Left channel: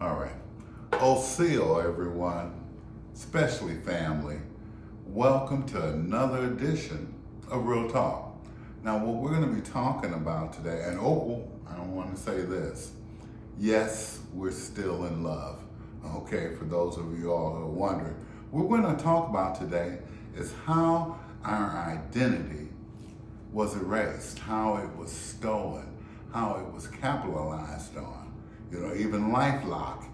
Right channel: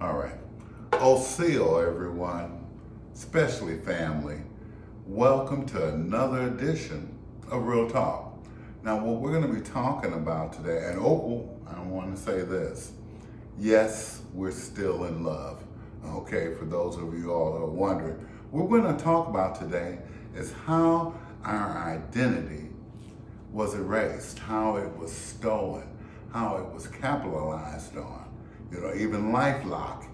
All right. Oseo, everyone, especially family. Welcome to another edition of Real Talk. Now, what we're going to be talking about today, and I want to say this. Yes, we're still in love. Okay, for those of you all that are wondering, what we're going to talk about today is how our identity was erased, how it was stolen, how it was capitalized on. You know, even LifeLock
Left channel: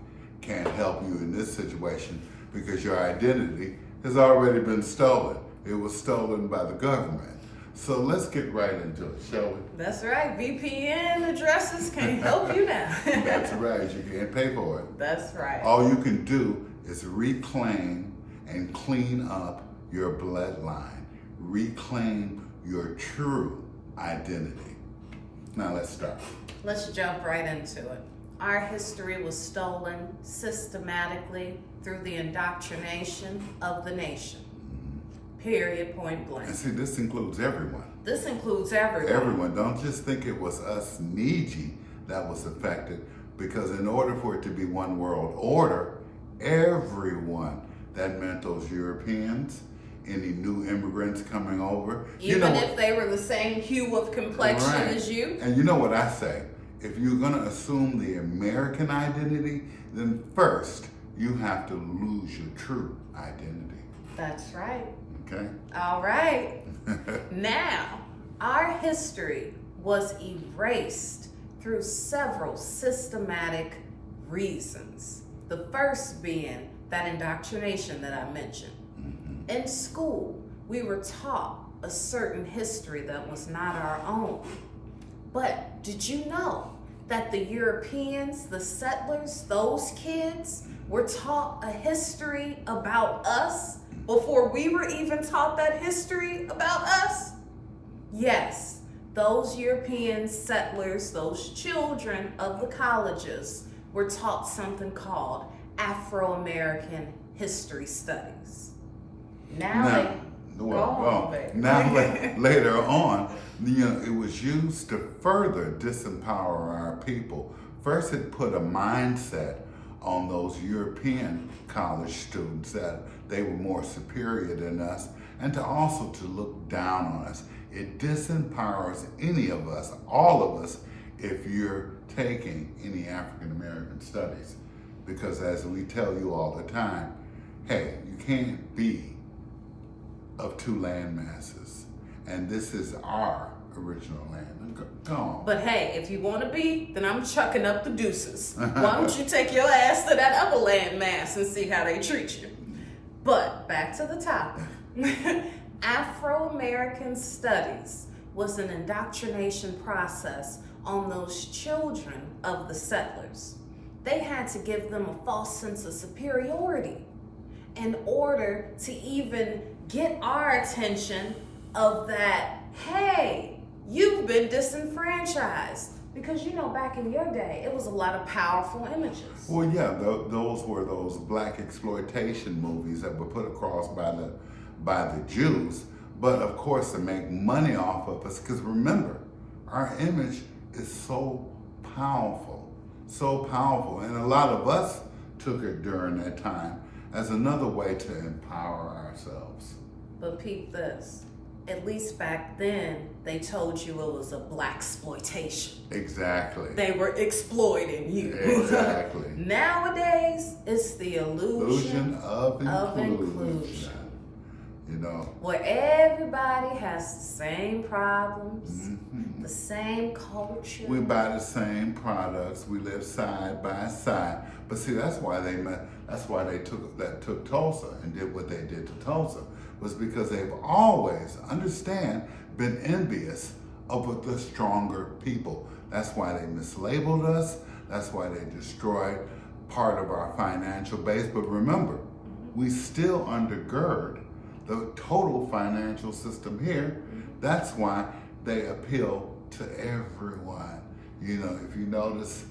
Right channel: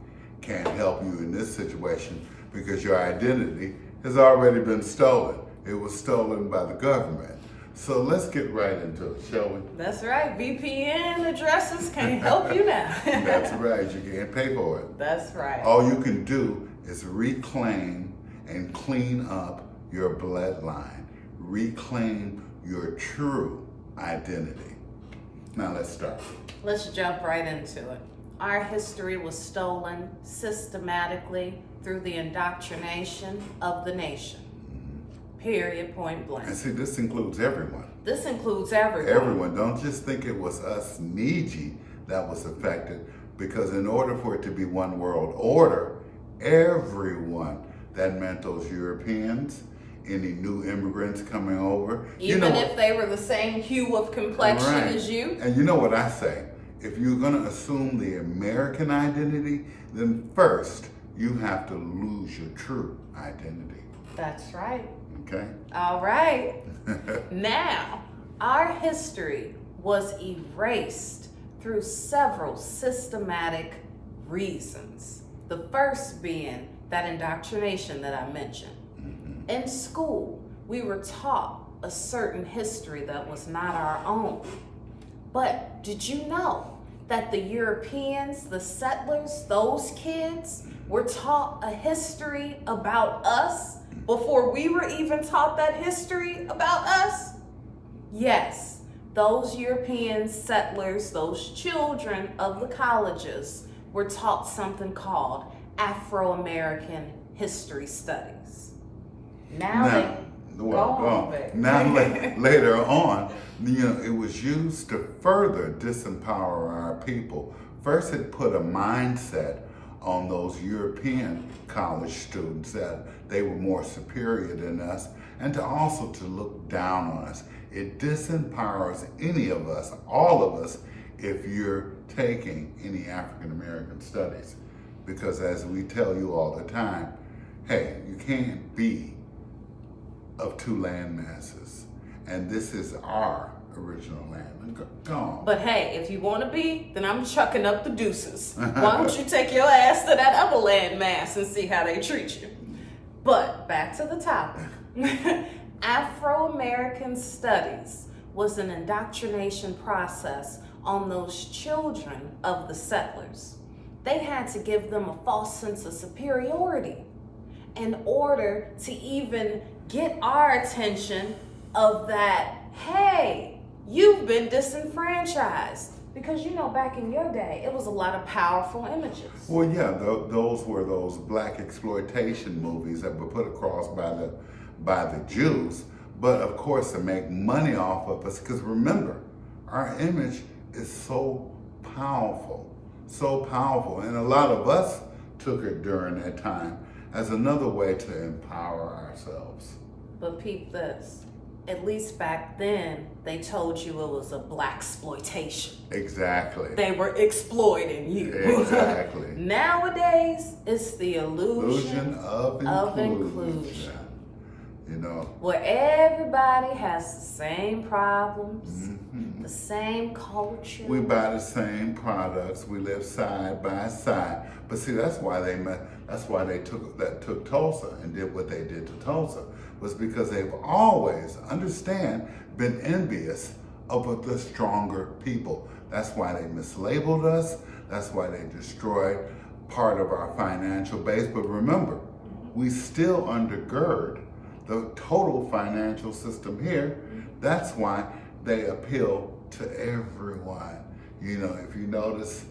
can't help you in this situation because your identity has already been stolen. It was stolen by the government. So let's get right into it, shall we? That's right. VPN addresses can't help you now. That's right. You can't pay for it. That's right. All you can do is reclaim and clean up your bloodline. Reclaim your true identity. Now let's start. Let's jump right into it. Our history was stolen systematically through the indoctrination of the nation. Period, point blank. And see, this includes everyone. This includes everyone. Everyone. Don't just think it was us Niji that was affected, because in order for it to be one world order, everyone, that meant those Europeans, any new immigrants coming over. Even if they were the same hue of complexion as you. And you know what I say? If you're going to assume the American identity, then first you have to lose your true identity. That's right. Okay? All right. Now, our history was erased through several systematic reasons. The first being that indoctrination that I mentioned. Mm-hmm. In school, we were taught a certain history that was not our own. But did you know that the Europeans, the settlers, those kids were taught a history about us before we were even taught that history about us? Yes, those European settlers, those children of the colleges, were taught something called Afro American history studies. Now later on, it was used to further disempower our people. First, it put a mindset on those European college students that they were more superior than us, and also to look down on us. It disempowers any of us, all of us, if you're taking any African American studies. Because as we tell you all the time, hey, you can't be of two land masses, and this is our original land. Go on. But hey, if you want to be, then I'm chucking up the deuces. Why don't you take your ass to that other land mass and see how they treat you? But back to the topic. Afro American studies was an indoctrination process on those children of the settlers. They had to give them a false sense of superiority in order to even get our attention of that, hey, you've been disenfranchised. Because, back in your day, it was a lot of powerful images. Well, yeah, those were those black exploitation movies that were put across by the Jews, but of course to make money off of us. Because remember, our image is so powerful, and a lot of us took it during that time as another way to empower ourselves. But peep this. At least back then, they told you it was a black exploitation. Exactly. They were exploiting you. Exactly. Nowadays, it's the illusion of inclusion. Where everybody has the same problems, the same culture. We buy the same products. We live side by side. But see, that's why they took Tulsa and did what they did to Tulsa, was because they've always, been envious of the stronger people. That's why they mislabeled us. That's why they destroyed part of our financial base. But remember, we still undergird the total financial system here. That's why they appeal to everyone. If you notice,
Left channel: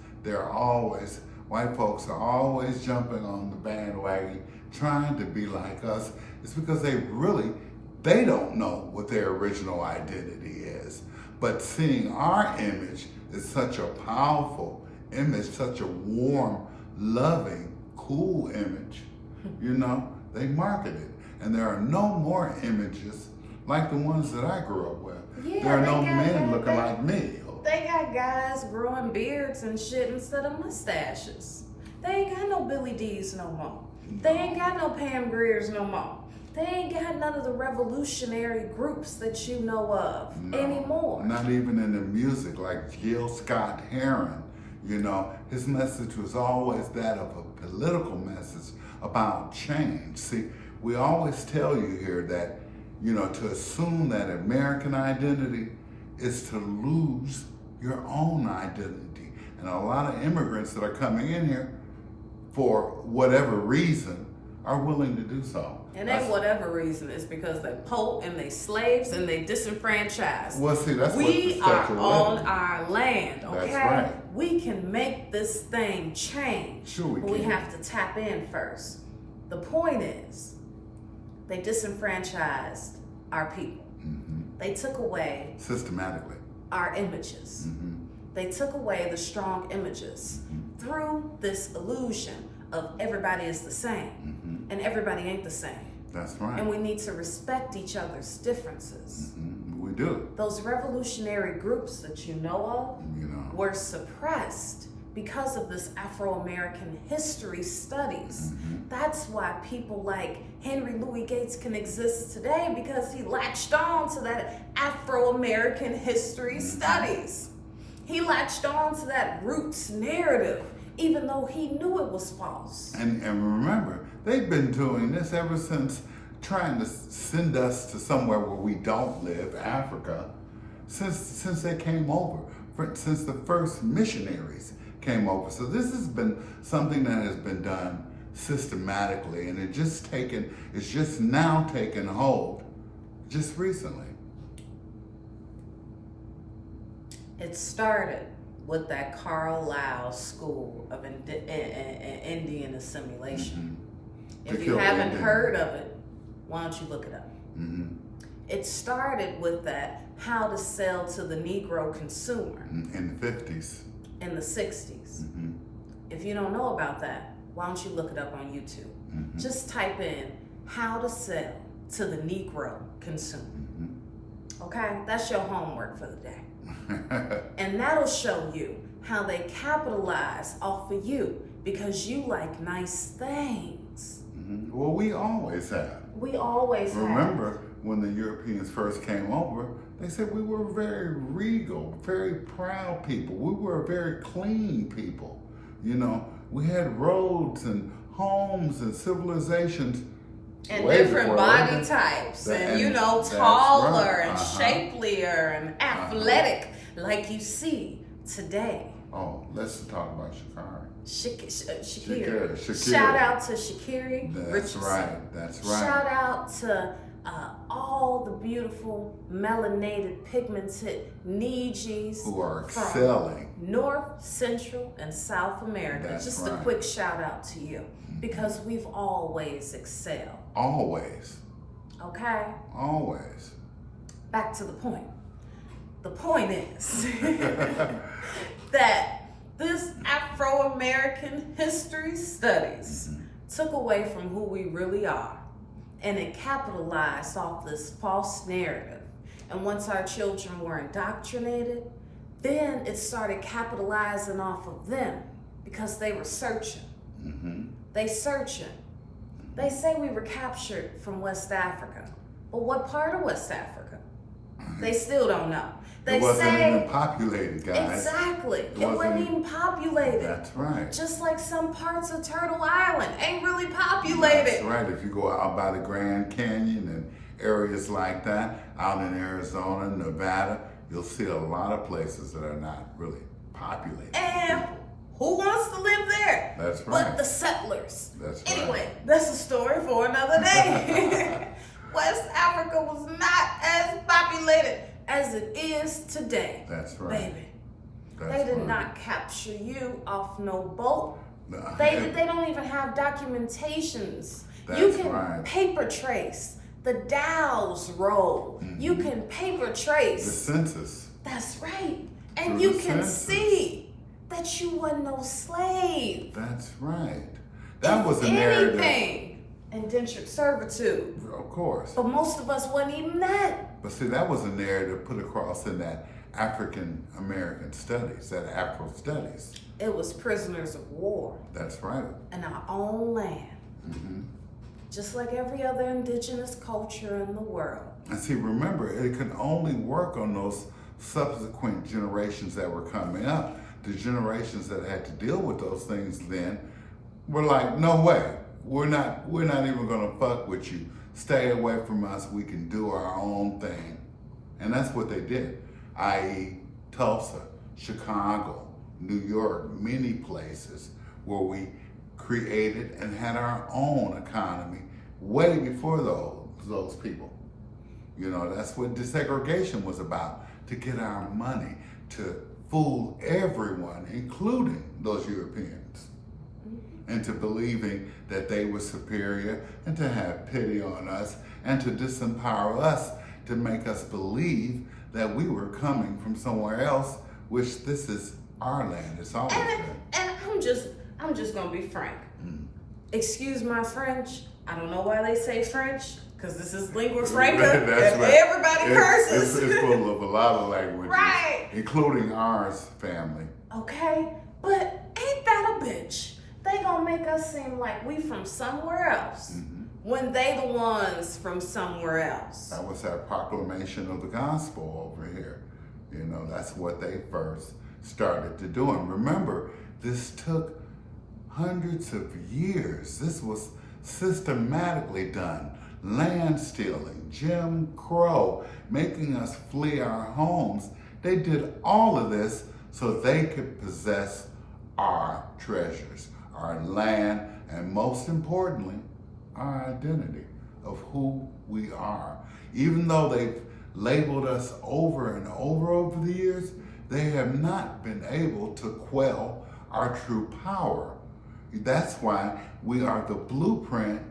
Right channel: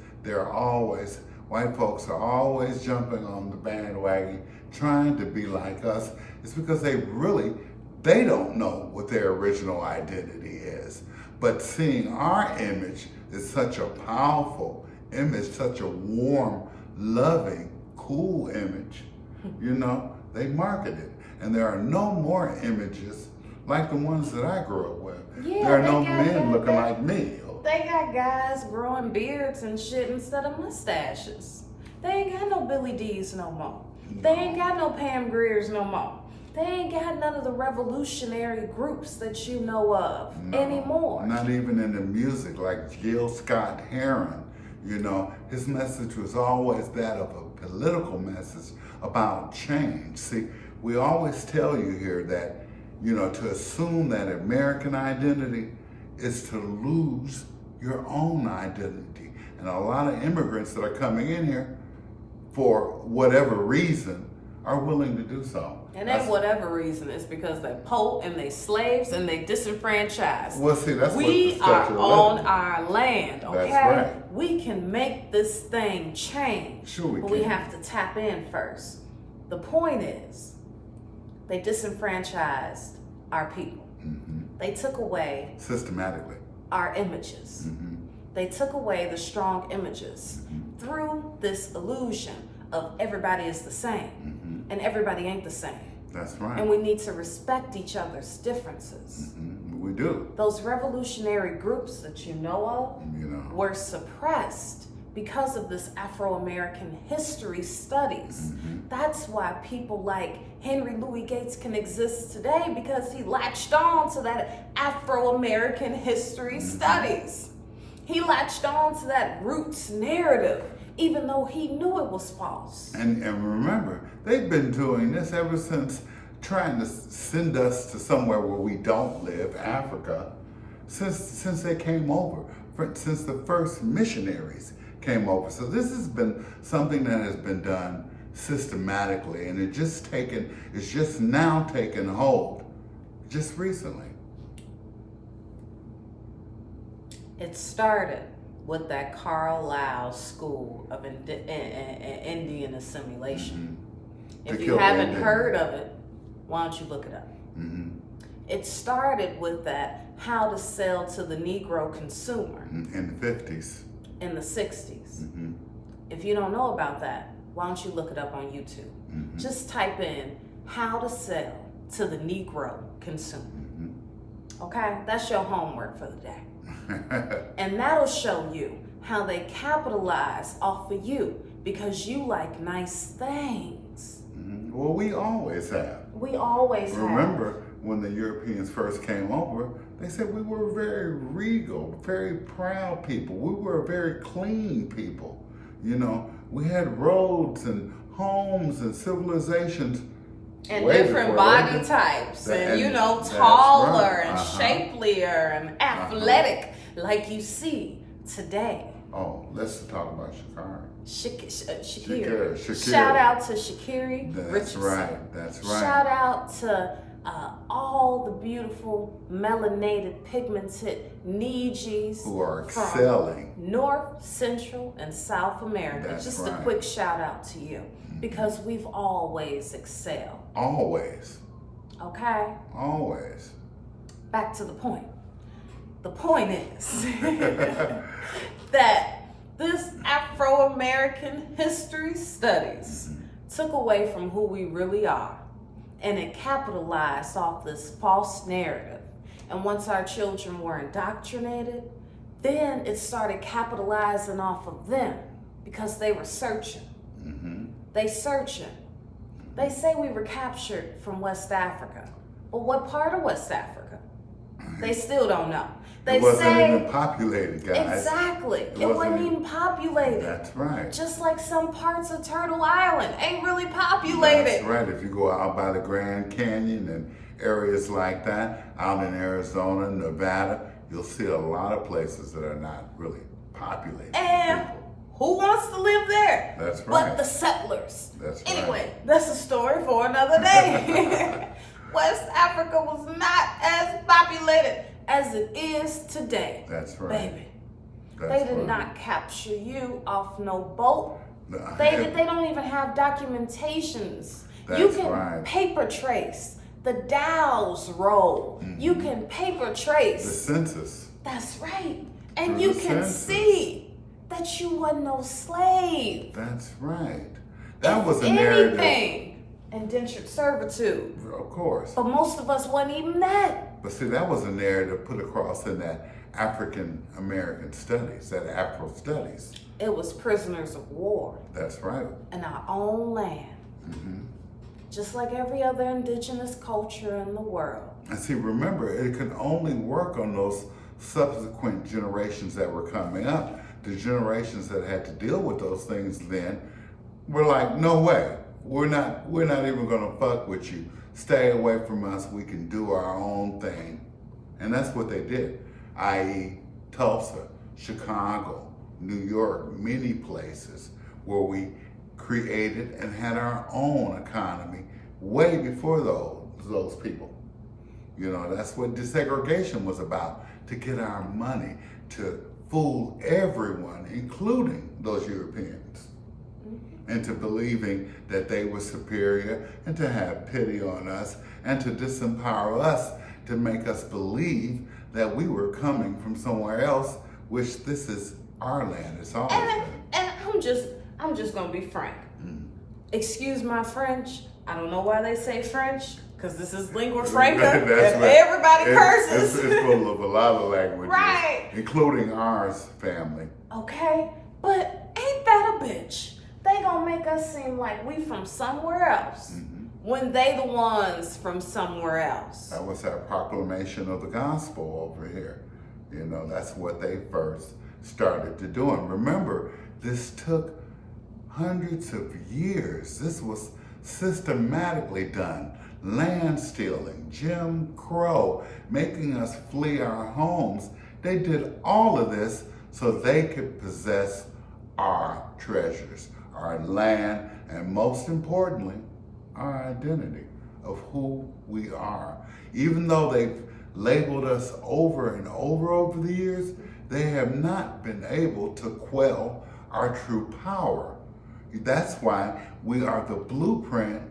white folks are always jumping on the bandwagon, trying to be like us. It's because they don't know what their original identity is. But seeing our image is such a powerful image, such a warm loving, cool image. They market it. And there are no more images like the ones that I grew up with. Yeah, there are no men looking like me. They got guys growing beards and shit instead of mustaches. They ain't got no Billy D's no more. They ain't got no Pam Greers no more. They ain't got none of the revolutionary groups that you know of anymore. Not even in the music, like Gil Scott-Heron. His message was always that of a political message about change. See, we always tell you here that, to assume that American identity is to lose your own identity. And a lot of immigrants that are coming in here, for whatever reason, are willing to do so. And then whatever reason, it's because they're poor and they slaves and they disenfranchised. Well, see, that's what we the are Statue of on Liberty. our land, okay? That's right. We can make this thing change. Sure we but can. we have to tap in first. The point is, they disenfranchised our people. Mm-hmm. They took away Systematically. our images. Mm-hmm. They took away the strong images through this illusion of everybody is the same, and everybody ain't the same. That's right. And we need to respect each other's differences. We do. Those revolutionary groups that you know of were suppressed because of this Afro American history studies. That's why people like Henry Louis Gates can exist today, because he latched on to that Afro American history studies. He latched on to that roots narrative, even though he knew it was false. And remember, they've been doing this ever since trying to send us to somewhere where we don't live, Africa, since they came over, since the first missionaries came over. So this has been something that has been done systematically, and it's just now taken hold, just recently. It started with that Carlisle School of Indian Assimilation. If you haven't heard of it, why don't you look it up? It started with that how to sell to the Negro consumer. In the 50s. In the 60s. If you don't know about that, why don't you look it up on YouTube? Just type in how to sell to the Negro consumer. Okay? That's your homework for the day. And that'll show you how they capitalize off of you because you like nice things. Well, we always have. We always have. Remember when the Europeans first came over, they said we were very regal, very proud people. We were very clean people. We had roads and homes and civilizations. And different body types, and taller and shapelier and athletic, like you see today. Oh, let's talk about Sha'Carri. Sha'Carri. Shout out to Sha'Carri Richardson. That's right. Shout out to all the beautiful melanated, pigmented Nijis who are excelling. North, Central, and South America. That's Just right. a quick shout out to you, because we've always excelled. Always. Okay? Always. Back to the point. The point is that this Afro American history studies took away from who we really are, and it capitalized off this false narrative. And once our children were indoctrinated, then it started capitalizing off of them because they were searching. They searching. They say we were captured from West Africa. But what part of West Africa? They still don't know. They it wasn't even populated, guys. Exactly. It wasn't even populated. That's right. Just like some parts of Turtle Island ain't really populated. That's right. If you go out by the Grand Canyon and areas like that, out in Arizona, Nevada, you'll see a lot of places that are not really populated. And who wants to live there? That's right. But the settlers. That's right. Anyway, that's a story for another day. West Africa was not as populated as it is today. That's right. Baby. That's They did right. not capture you off no boat. No, They don't even have documentations. That's You can right. paper trace the Dow's roll. You can paper The trace. census. That's right. And Through you the can census. see that you wasn't no slave. That's right. That If was a narrative. anything, indentured servitude. Of course. But most of us wasn't even that. But see, that was a narrative put across in that African American studies, that Afro studies. It was prisoners of war That's right. in our own land. Hmm. Just like every other indigenous culture in the world. And see, remember, it could only work on those subsequent generations that were coming up. The generations that had to deal with those things then were like, no way, we're not even gonna fuck with you. Stay away from us, we can do our own thing. And that's what they did, i.e. Tulsa, Chicago, New York, many places where we created and had our own economy way before those people. You know, that's what desegregation was about, to get our money, to fool everyone, including those Europeans, into believing that they were superior and to have pity on us and to disempower us, to make us believe that we were coming from somewhere else, which this is our land. It's always been. And I'm just gonna be frank. Excuse my French. I don't know why they say French, because this is lingua franca. That's and right. everybody curses. It's full of a lot of languages, Right. including ours family. Okay, but ain't that a bitch? They gonna make us seem like we from somewhere else when they the ones from somewhere else. That was our proclamation of the gospel over here. You know, that's what they first started to do. And remember, this took hundreds of years. This was systematically done. Land stealing, Jim Crow, making us flee our homes. They did all of this so they could possess our treasures, our land, and most importantly, our identity of who we are. Even though they've labeled us over and over the years, they have not been able to quell our true power. That's why we are the blueprint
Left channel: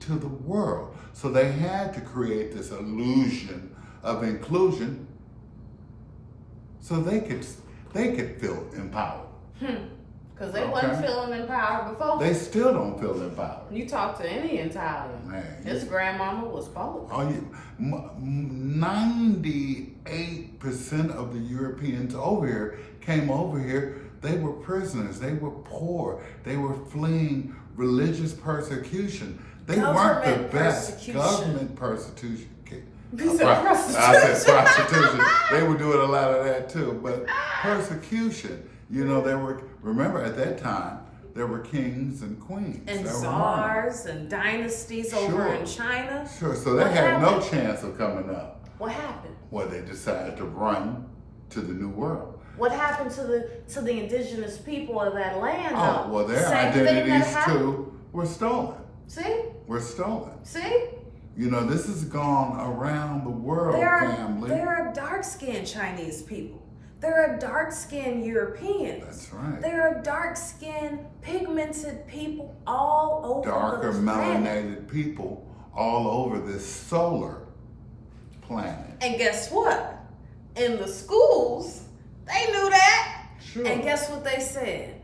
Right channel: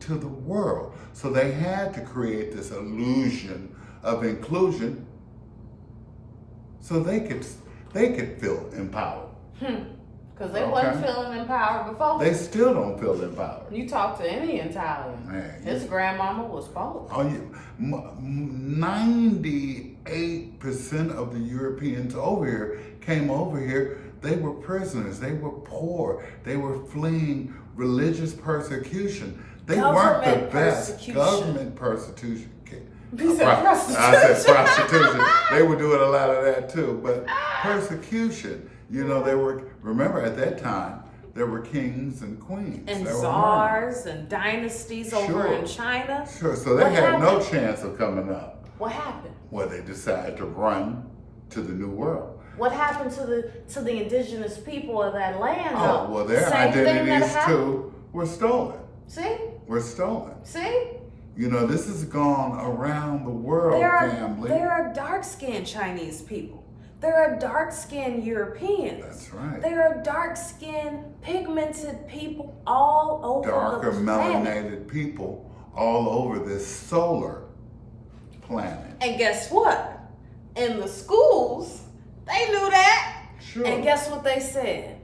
to the world. So they had to create this illusion of inclusion so they could feel empowered. Because they wasn't feeling empowered before. They still don't feel empowered. You talk to any Italian, Man, his grandmama was Polish. Oh, 98% of the Europeans over here came over here. They were prisoners. They were poor. They were fleeing religious persecution. They weren't the best. Government persecution. You said prostitution. I said prostitution. They were doing a lot of that too. But persecution, you know, remember at that time, there were kings and queens. And there were czars and dynasties over in China. Sure, so they had no chance of coming up. What happened? Well, they decided to run to the New World. What happened to the indigenous people of that land? Oh, well, their identities too were stolen. See? Were stolen. See? You know, this has gone around the world, family. There are dark-skinned Chinese people. There are dark-skinned Europeans. That's right. There are dark-skinned, pigmented people all over Darker, the planet. melanated people all over this solar planet. And guess what? In the schools, they knew that. Sure. And guess what they said?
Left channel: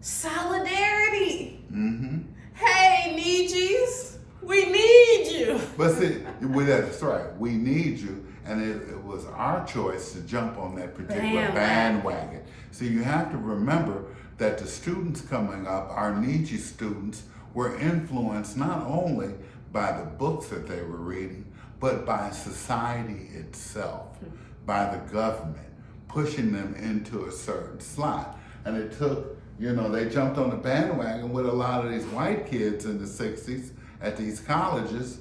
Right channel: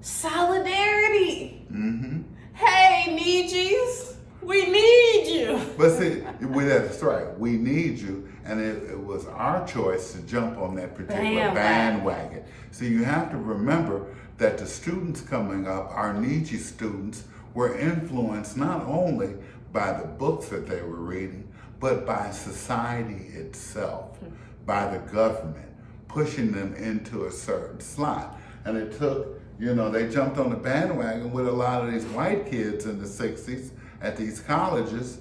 Solidarity. Mm-hmm. Hey, Nietzsche's, we need you. But see, that's right. We need you. And it was our choice to jump on that particular bandwagon. So you have to remember that the students coming up, our Nietzsche students, were influenced not only by the books that they were reading, but by society itself, by the government, pushing them into a certain slot. And it took, you know, they jumped on the bandwagon with a lot of these white kids in the 60s at these colleges,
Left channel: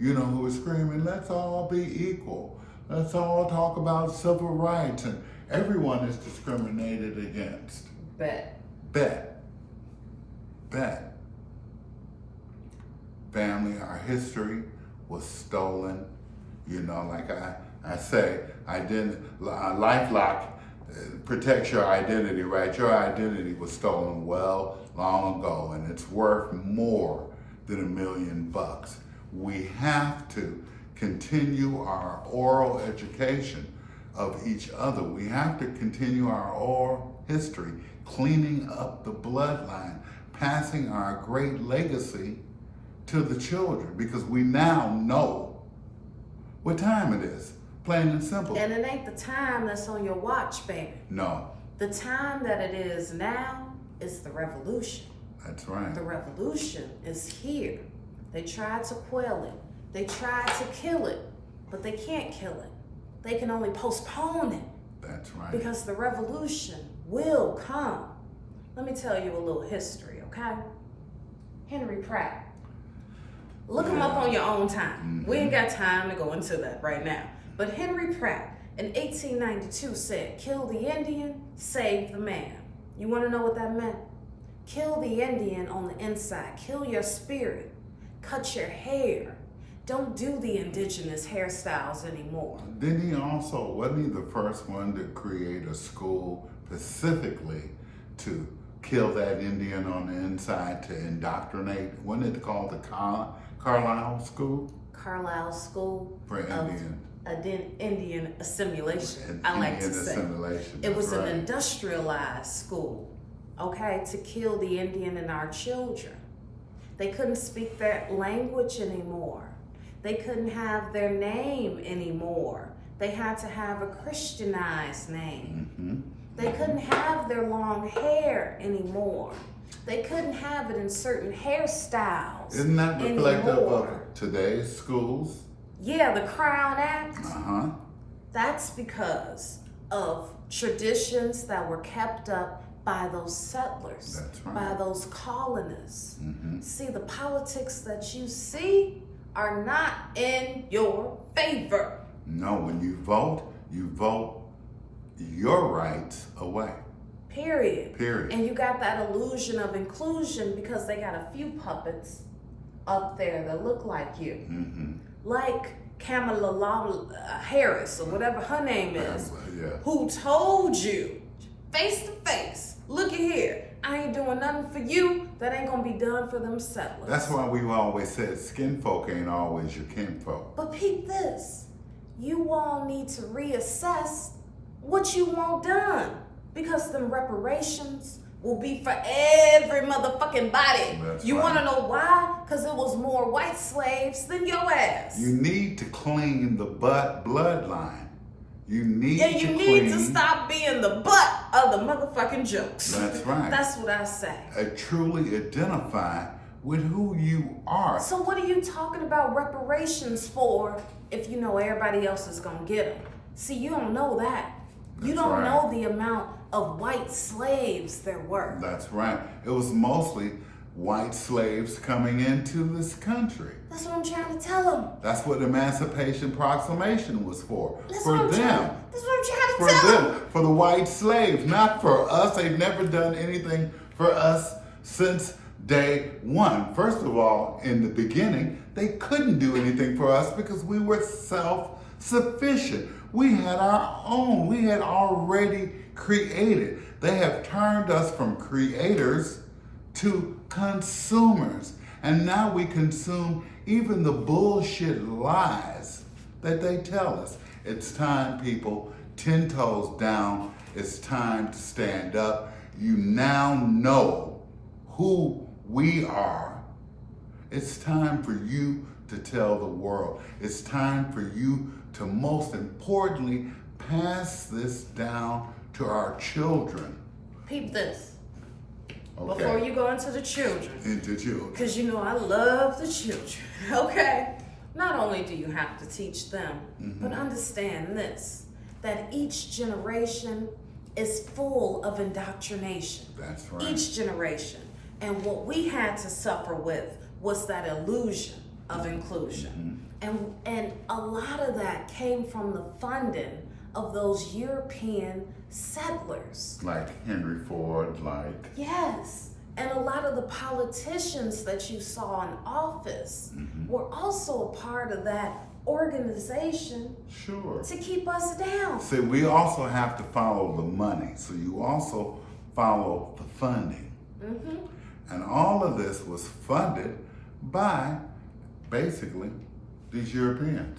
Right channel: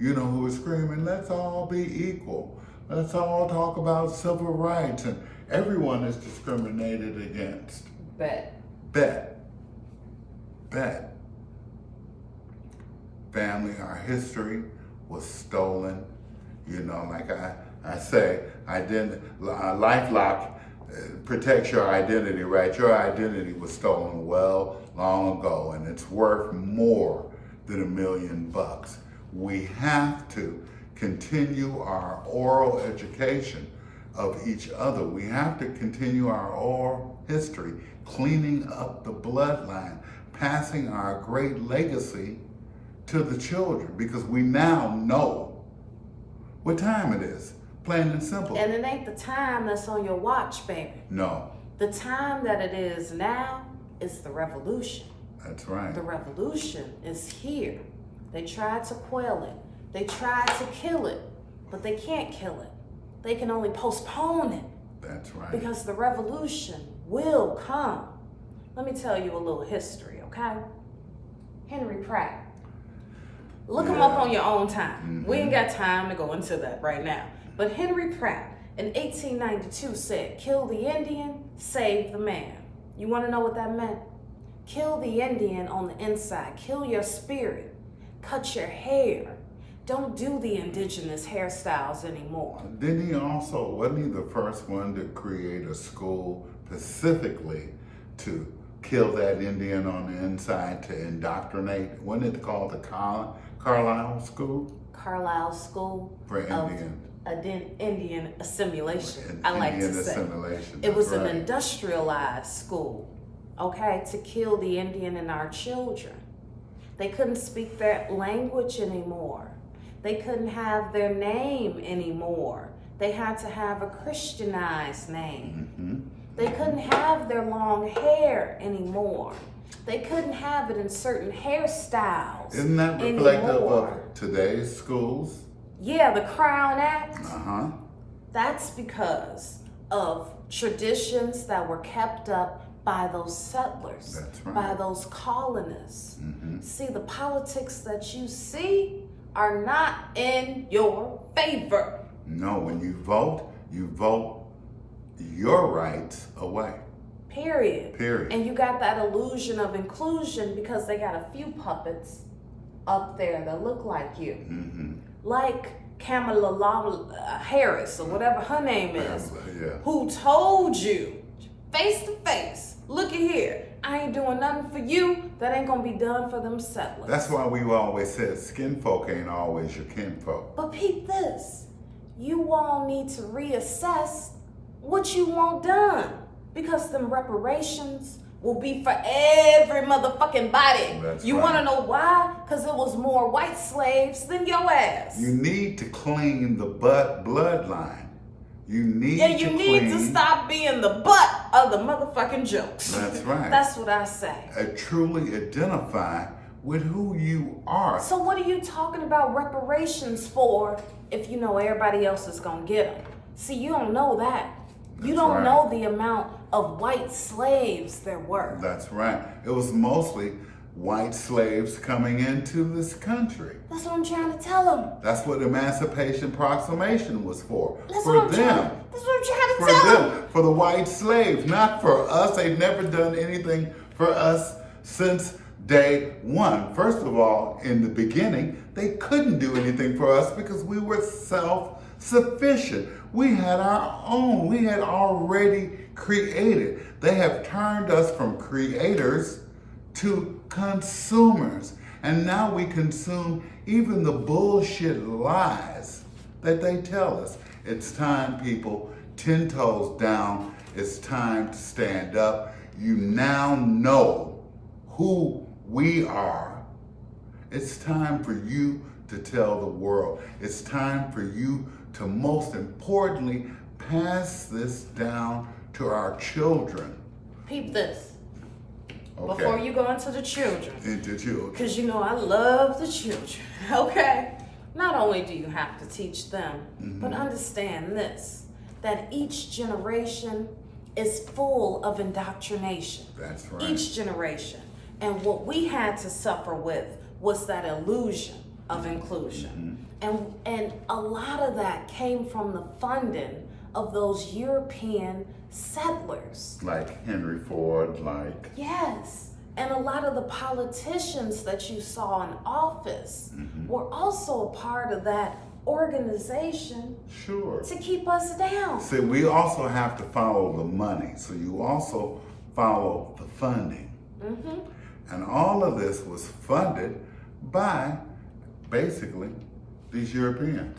you know, who were screaming, let's all be equal. Let's all talk about civil rights. And everyone is discriminated against. Bet. Family, our history was stolen. You know, like I say, LifeLock protects your identity, right? Your identity was stolen long ago, and it's worth more than $1 million. We have to continue our oral education of each other. We have to continue our oral history, cleaning up the bloodline, passing our great legacy to the children, because we now know what time it is, plain and simple. And it ain't the time that's on your watch, baby. No. The time that it is now is the revolution. That's right. The revolution is here. They tried to quell it. They tried to kill it, but they can't kill it. They can only postpone it. That's right. Because the revolution will come. Let me tell you a little history, okay? Henry Pratt. Look him up on your own time. We ain't got time to go into that right now. But Henry Pratt in 1892 said, kill the Indian, save the man. You want to know what that meant? Kill the Indian on the inside. Kill your spirit. Cut your hair. Don't do the indigenous hairstyles anymore. Didn't he also, wasn't he the first one to create a school specifically to kill that Indian on the inside, to indoctrinate? Wasn't it called the Carlisle School? Carlisle School For Indian. Indian assimilation, I like to say. Assimilation. It was right. an industrialized school, okay, to kill the Indian and our children. They couldn't speak their language anymore. They couldn't have their name anymore. They had to have a Christianized name. They couldn't have their long hair anymore. They couldn't have it in certain hairstyles. Isn't that reflective anymore. of today's schools? Yeah, the Crown Act. That's because of traditions that were kept up by those settlers, That's right. by those colonists. See, the politics that you see are not in your favor. No, when you vote your rights away. Period. Period. And you got that illusion of inclusion because they got a few puppets up there that look like you. Like Kamala Harris, or whatever her name is, who told you face to face, look at here, I ain't doing nothing for you that ain't gonna be done for them settlers. That's why we've always said skin folk ain't always your kinfolk. But peep this, you all need to reassess what you want done, because them reparations will be for every motherfucking body. That's you right. wanna know why? Because it was more white slaves than your ass. You need to clean the bloodline. You need and you to need clean. to stop being the butt of the motherfucking jokes. That's right. That's what I say. Truly identify with who you are. So what are you talking about reparations for if you know everybody else is gonna get them? See, you don't know that. You don't right. know the amount of white slaves there were. That's right. It was mostly white slaves coming into this country. That's what I'm trying to tell them. That's what the Emancipation Proclamation was for. That's For what I'm them. trying, that's what I'm trying to For tell them. them. For the white slaves, not for us. They've never done anything for us since day one. First of all, in the beginning, they couldn't do anything for us because we were self-sufficient. We had our own. We had already created. They have turned us from creators to consumers. And now we consume even the bullshit lies that they tell us. It's time, people, 10 toes down. It's time to stand up. You now know who we are. It's time for you to tell the world. It's time for you to, most importantly, pass this down to our children. Peep this. Okay. Before you go into the children. Into children. Because you know I love the children, okay? Not only do you have to teach them, but understand this, that each generation is full of indoctrination. That's right. Each generation. And what we had to suffer with was that illusion of inclusion. And a lot of that came from the funding of those European settlers. Like Henry Ford, like... Yes. And a lot of the politicians that you saw in office were also a part of that organization Sure. to keep us down. See, we also have to follow the money. So you also follow the funding. And all of this was funded by, basically, these Europeans.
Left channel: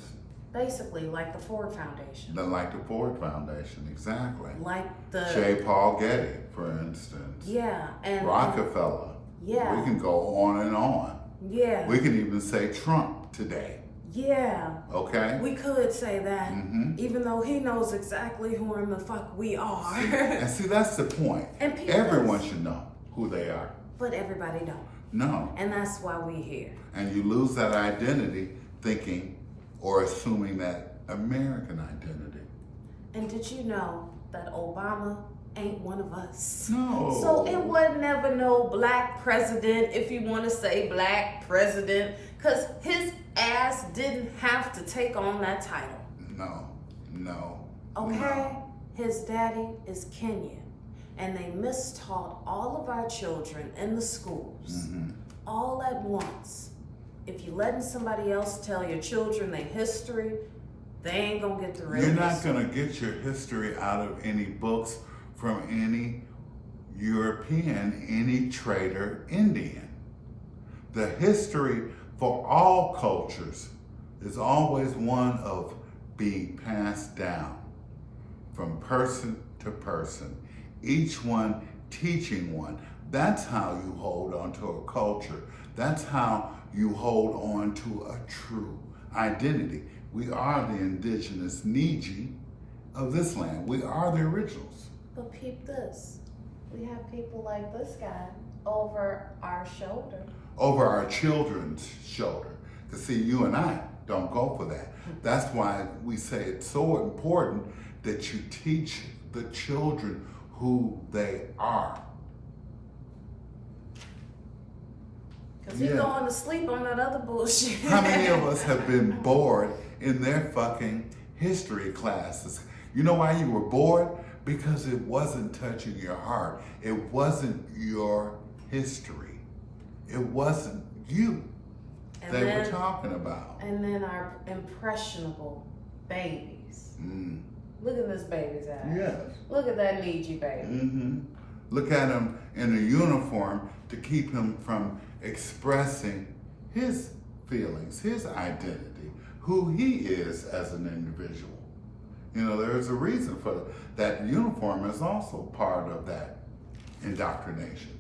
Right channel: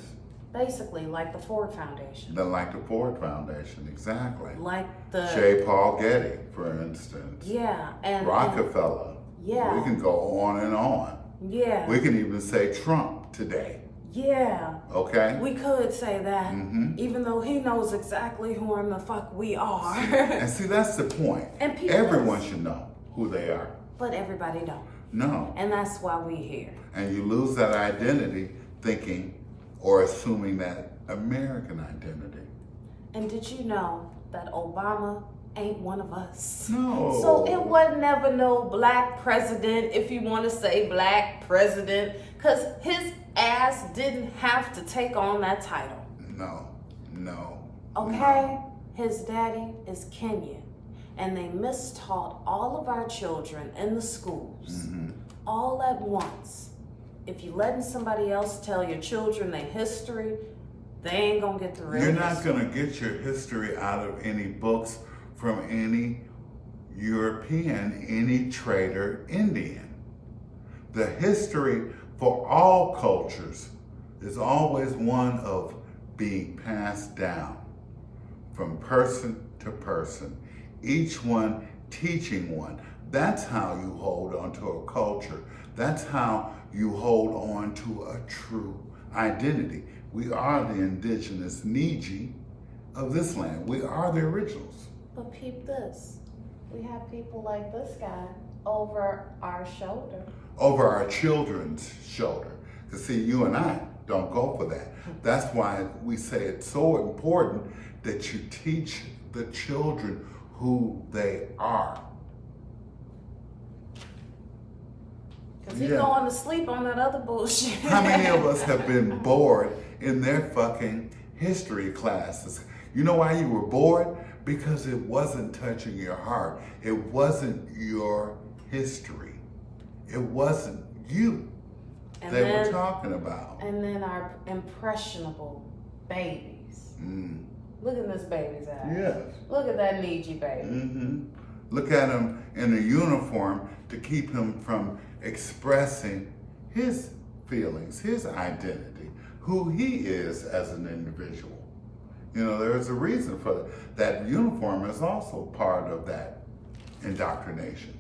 Basically, like the Ford Foundation. Like the Ford Foundation, exactly. Like the J. Paul Getty, for instance. Yeah, and Rockefeller. Yeah. We can go on and on. Yeah. We can even say Trump today. Yeah. Okay? We could say that, even though he knows exactly who in the fuck we are. And see, that's the point. And people, everyone should know who they are. But everybody don't. No. And that's why we here. And you lose that identity thinking or assuming that American identity. And did you know that Obama ain't one of us? No. So it was never no black president, if you want to say black president, because his ass didn't have to take on that title. No. Okay? His daddy is Kenyan. And they mistaught all of our children in the schools all at once. If you're letting somebody else tell your children their history, they ain't gonna get the real You're history. not gonna get your history out of any books from any European, any trader Indian. The history for all cultures is always one of being passed down from person to person, each one teaching one. That's how you hold on to a culture. That's how you hold on to a true identity. We are the indigenous Niji of this land. We are the originals. But peep this. We have people like this guy over our shoulder. Over our children's shoulder. Because see, you and I don't go for that. That's why we say it's so important that you teach the children who they are. Because he's going to sleep on that other bullshit. How many of us have been bored in their fucking history classes? You know why you were bored? Because it wasn't touching your heart. It wasn't your history. It wasn't you they were talking about. And then our impressionable babies. Look at this baby's eyes. Yes. Look at that Niji baby. Look at him in a uniform to keep him from expressing his feelings, his identity, who he is as an individual. You know, there's a reason for that. That uniform is also part of that indoctrination.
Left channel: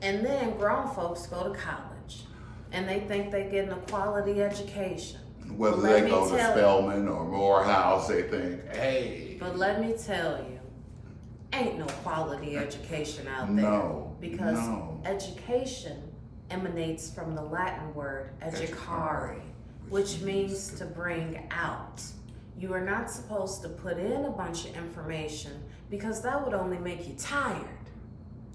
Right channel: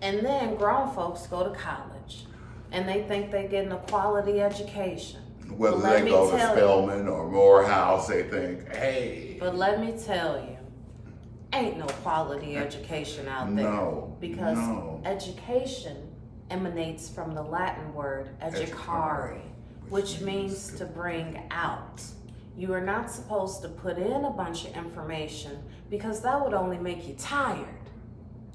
And then grown folks go to college and they think they're getting a quality education. Whether they go to Spelman or Morehouse, they think, hey. But let me tell you, ain't no quality education out there. No. Because education emanates from the Latin word educare, which means to bring out. You are not supposed to put in a bunch of information because that would only make you tired.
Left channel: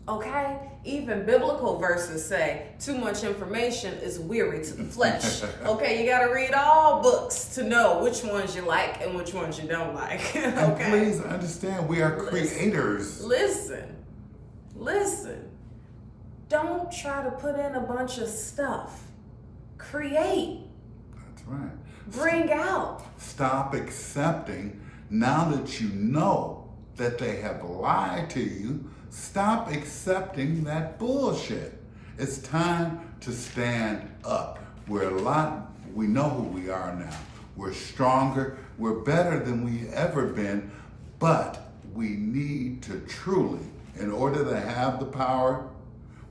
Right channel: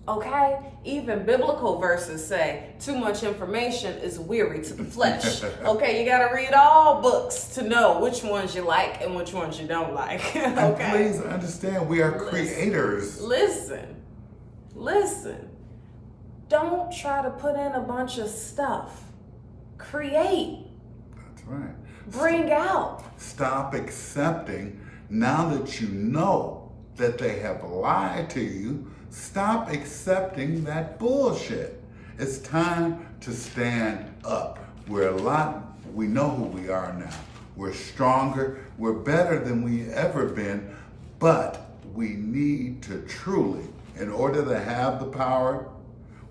Okay? Even biblical verses say too much information is weary to the flesh. Okay, you gotta read all books to know which ones you like and which ones you don't like. Okay? And please understand, we are creators. Listen. Don't try to put in a bunch of stuff. Create. That's right. Bring out. Stop accepting, now that you know that they have lied to you, stop accepting that bullshit. It's time to stand up. We know who we are now. We're stronger, we're better than we ever been, but we need to truly, in order to have the power,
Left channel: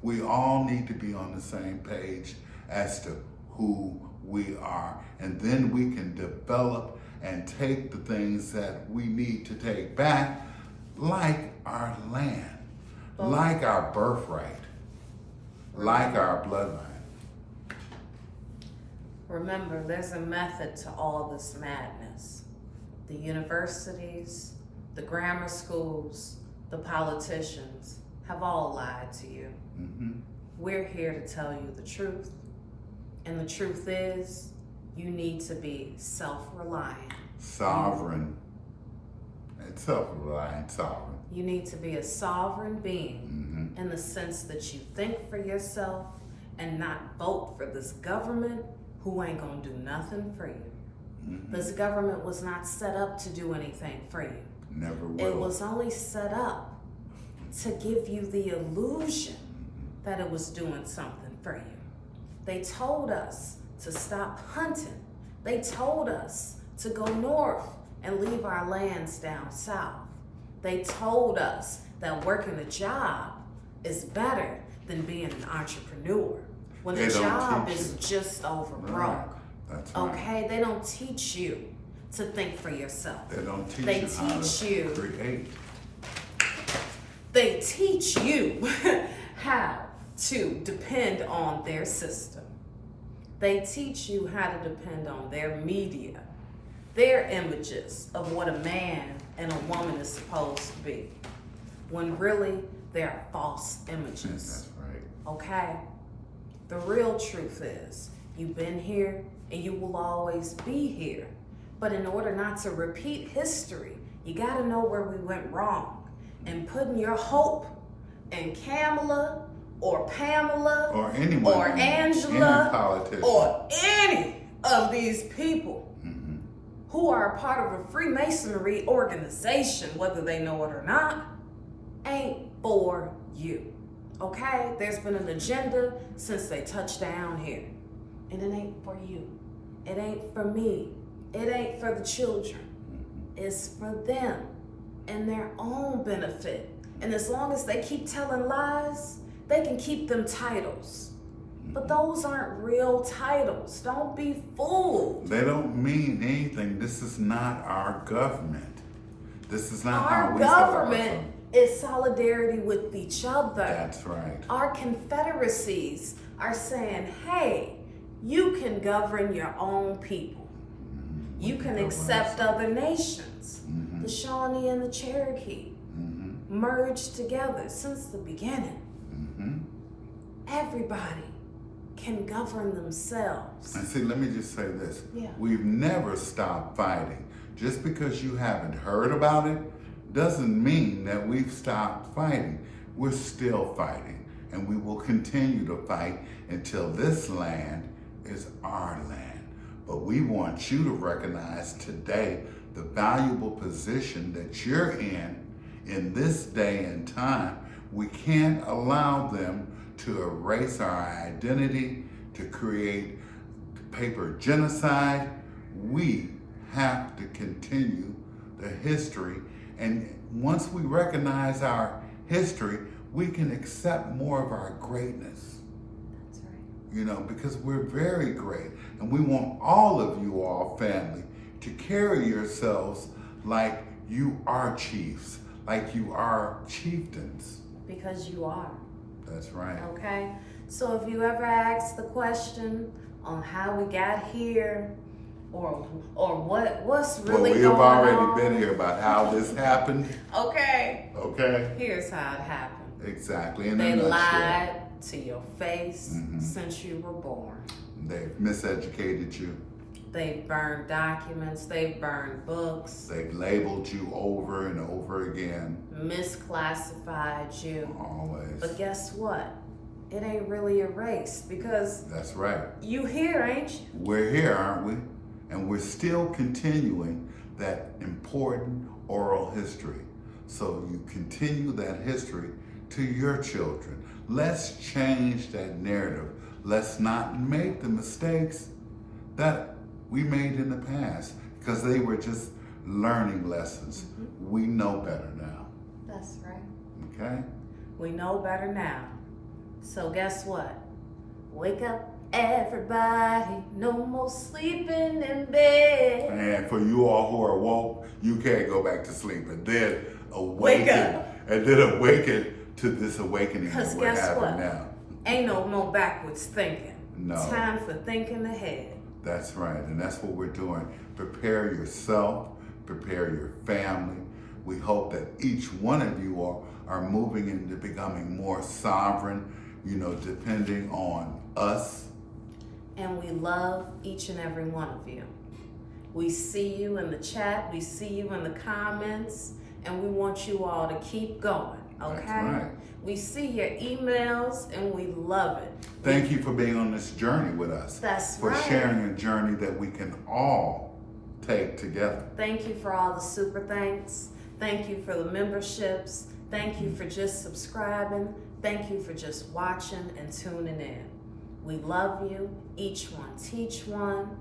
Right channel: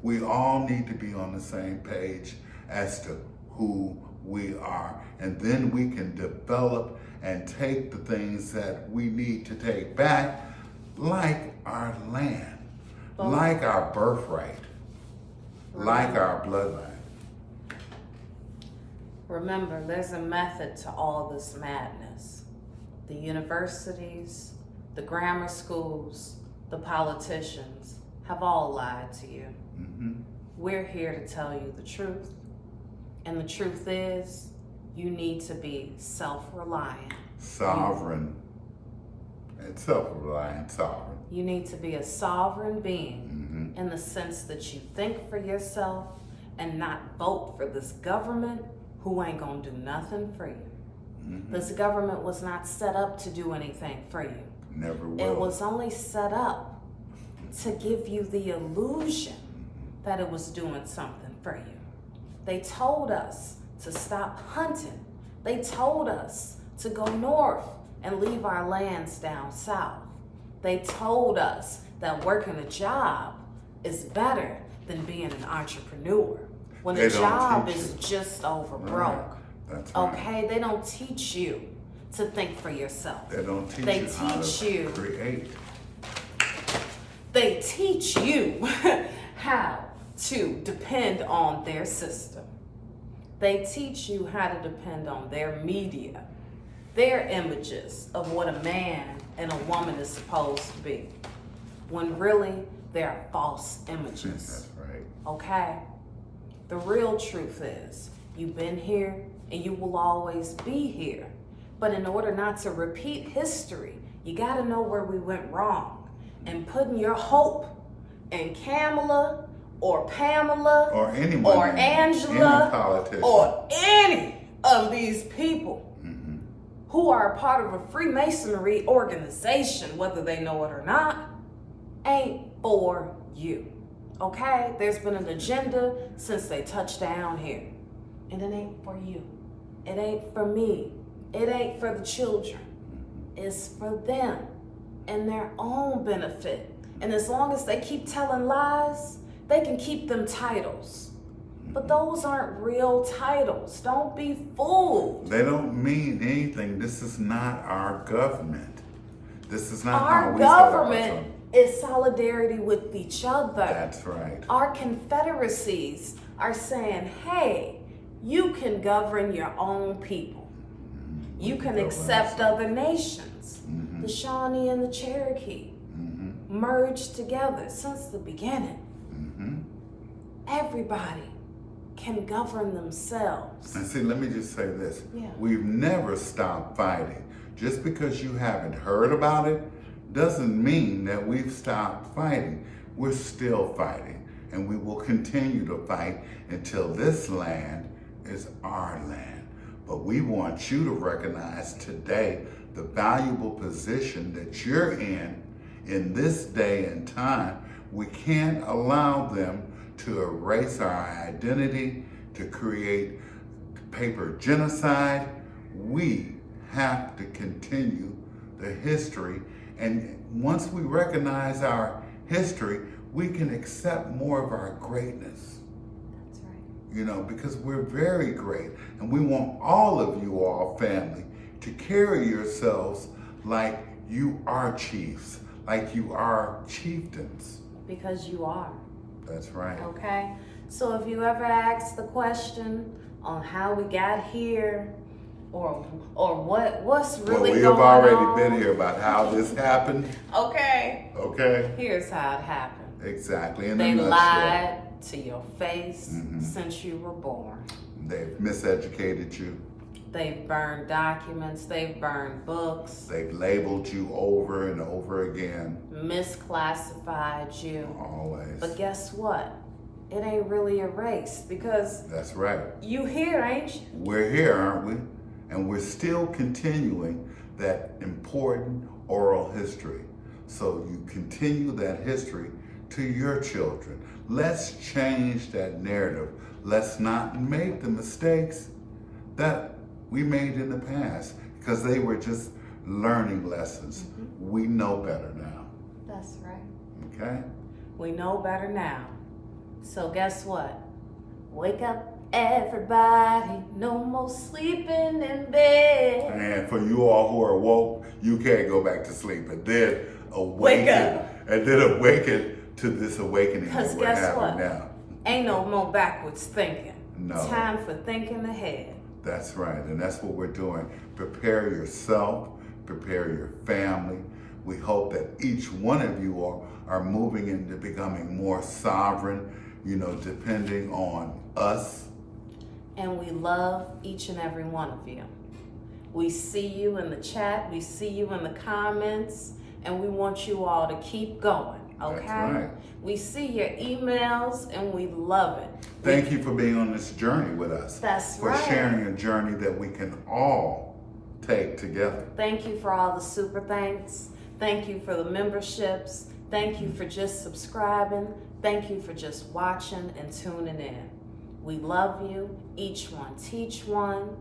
we all need to be on the same page as to who we are. And then we can develop and take the things that we need to take back, like our land, like our birthright, like our bloodline. Remember, there's a method to all this madness. The universities, the grammar schools, the politicians have all lied to you. We're here to tell you the truth. And the truth is, you need to be self-reliant. Sovereign. And self-reliant, sovereign. You need to be a sovereign being in the sense that you think for yourself and not vote for this government who ain't gonna do nothing for you. This government was not set up to do anything for you. Never will. It was only set up to give you the illusion that it was doing something for you. They told us to stop hunting. They told us to go north and leave our lands down south. They told us that working a job is better than being an entrepreneur. When They a don't job teach is you. just over Right. broke. That's right. Okay, they don't teach you to think for yourself. They don't teach They you how teach to you. create. They teach you how to depend on their system. They teach you how to depend on their media, their images of what a man and a woman is supposed to be, when really they're false images. That's right. Okay? The real truth is, you've been here and you will always be here. But in order not to repeat history, you gotta know where we went wrong. And putting your hope in Kamala or Pamela Or anyone. or any Angela politician. or any of these people who are a part of a Freemasonry organization, whether they know it or not, ain't for you. Okay? There's been an agenda since they touched down here. And it ain't for you. It ain't for me. It ain't for the children. It's for them and their own benefit. And as long as they keep telling lies, they can keep them titles. But those aren't real titles. Don't be fooled. They don't mean anything. This is not our government. This is not how Our we set up government is solidarity with each other. That's right. Our confederacies are saying, hey, you can govern your own people. You can accept other nations. The Shawnee and the Cherokee merged together since the beginning. Everybody can govern themselves. And see, let me just say this. Yeah. We've never stopped fighting. Just because you haven't heard about it doesn't mean that we've stopped fighting. We're still fighting, and we will continue to fight until this land is our land. But we want you to recognize today the valuable position that you're in this day and time. We can't allow them to erase our identity, to create paper genocide. We have to continue the history. And once we recognize our history, we can accept more of our greatness. That's right. You know, because we're very great. And we want all of you all, family, to carry yourselves like you are chiefs, like you are chieftains. Because you are. That's right. Okay? So if you ever ask the question on how we got here, or what's really Well, we going have already on, been here about how this happened. Okay. Okay? Here's how it happened. Exactly. In They a nutshell. lied to your face since you were born. They've miseducated you. They've burned documents, they've burned books, They've labeled you over and over again. misclassified you. Always. But guess what? It ain't really erased because That's right. you here, ain't you? We're here, aren't we? And we're still continuing that important oral history. So you continue that history to your children. Let's change that narrative. Let's not make the mistakes that we made in the past because they were just learning lessons. We know better now. That's right. Okay? We know better now. So guess what? Wake up, everybody. No more sleeping in bed. And for you all who are woke, you can't go back to sleep and then Wake up. awaken to this awakening that 'Cause we're guess having what? now. Ain't no more backwards thinking. No. Time for thinking ahead. That's right, and that's what we're doing. Prepare yourself, prepare your family. We hope that each one of you are moving into becoming more sovereign, depending on us. And we love each and every one of you. We see you in the chat, we see you in the comments, and we want you all to keep going, okay? That's right. We see your emails and we love it. Thank you for being on this journey with us. That's for right. sharing a journey that we can all take together. Thank you for all the super thanks. Thank you for the memberships. Thank you for just subscribing. Thank you for just watching and tuning in. We love you. Each one teach one.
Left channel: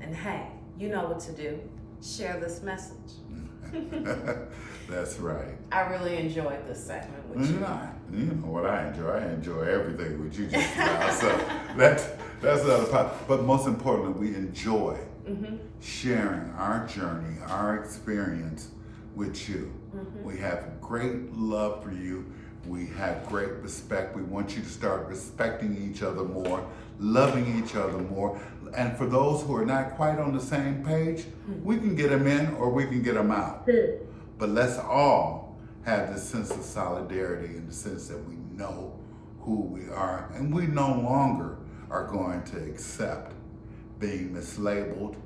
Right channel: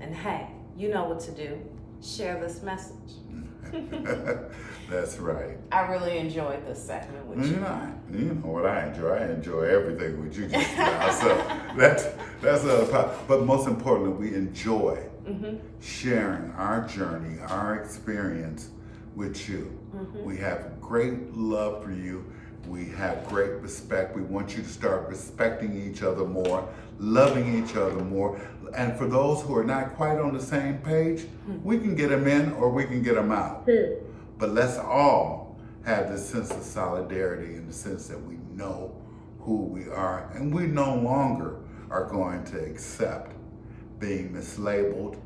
And hey, you know what to do. Share this message. That's right. I really enjoyed this segment with you. You know what I enjoy? I enjoy everything with you just now. So that's the other part. But most importantly, we enjoy sharing our journey, our experience with you. We have great love for you. We have great respect. We want you to start respecting each other more, loving each other more. And for those who are not quite on the same page, we can get them in or we can get them out. But let's all have this sense of solidarity in the sense that we know who we are, and we no longer are going to accept being mislabeled,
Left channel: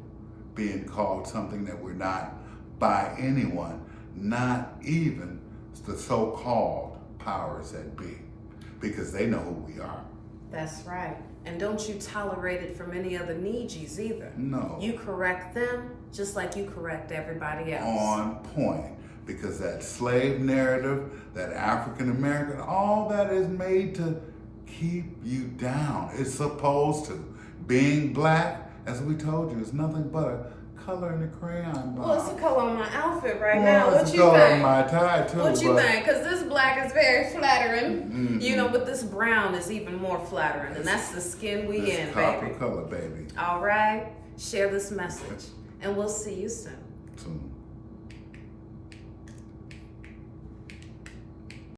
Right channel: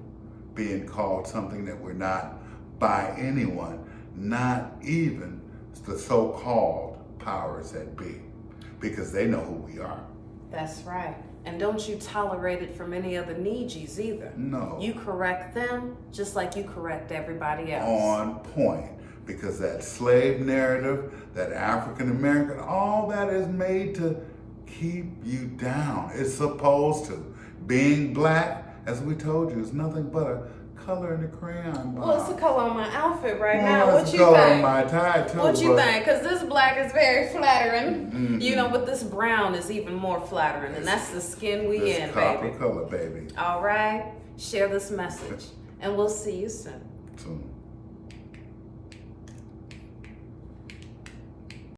being called something that we're not by anyone, not even the so-called powers that be, because they know who we are. That's right. And don't you tolerate it from any other Nijis either. No. You correct them just like you correct everybody else. On point. Because that slave narrative, that African American, all that is made to keep you down. It's supposed to. Being black, as we told you, is nothing but a color in the crayon box. Well, it's the color on my outfit right Well, now. What it's you the color think? on my tie too. What you but think? Because this black is very flattering. You know, but this brown is even more flattering. And that's the skin we this in, copper baby. color, baby. All right? Share this message. And we'll see you soon. Soon.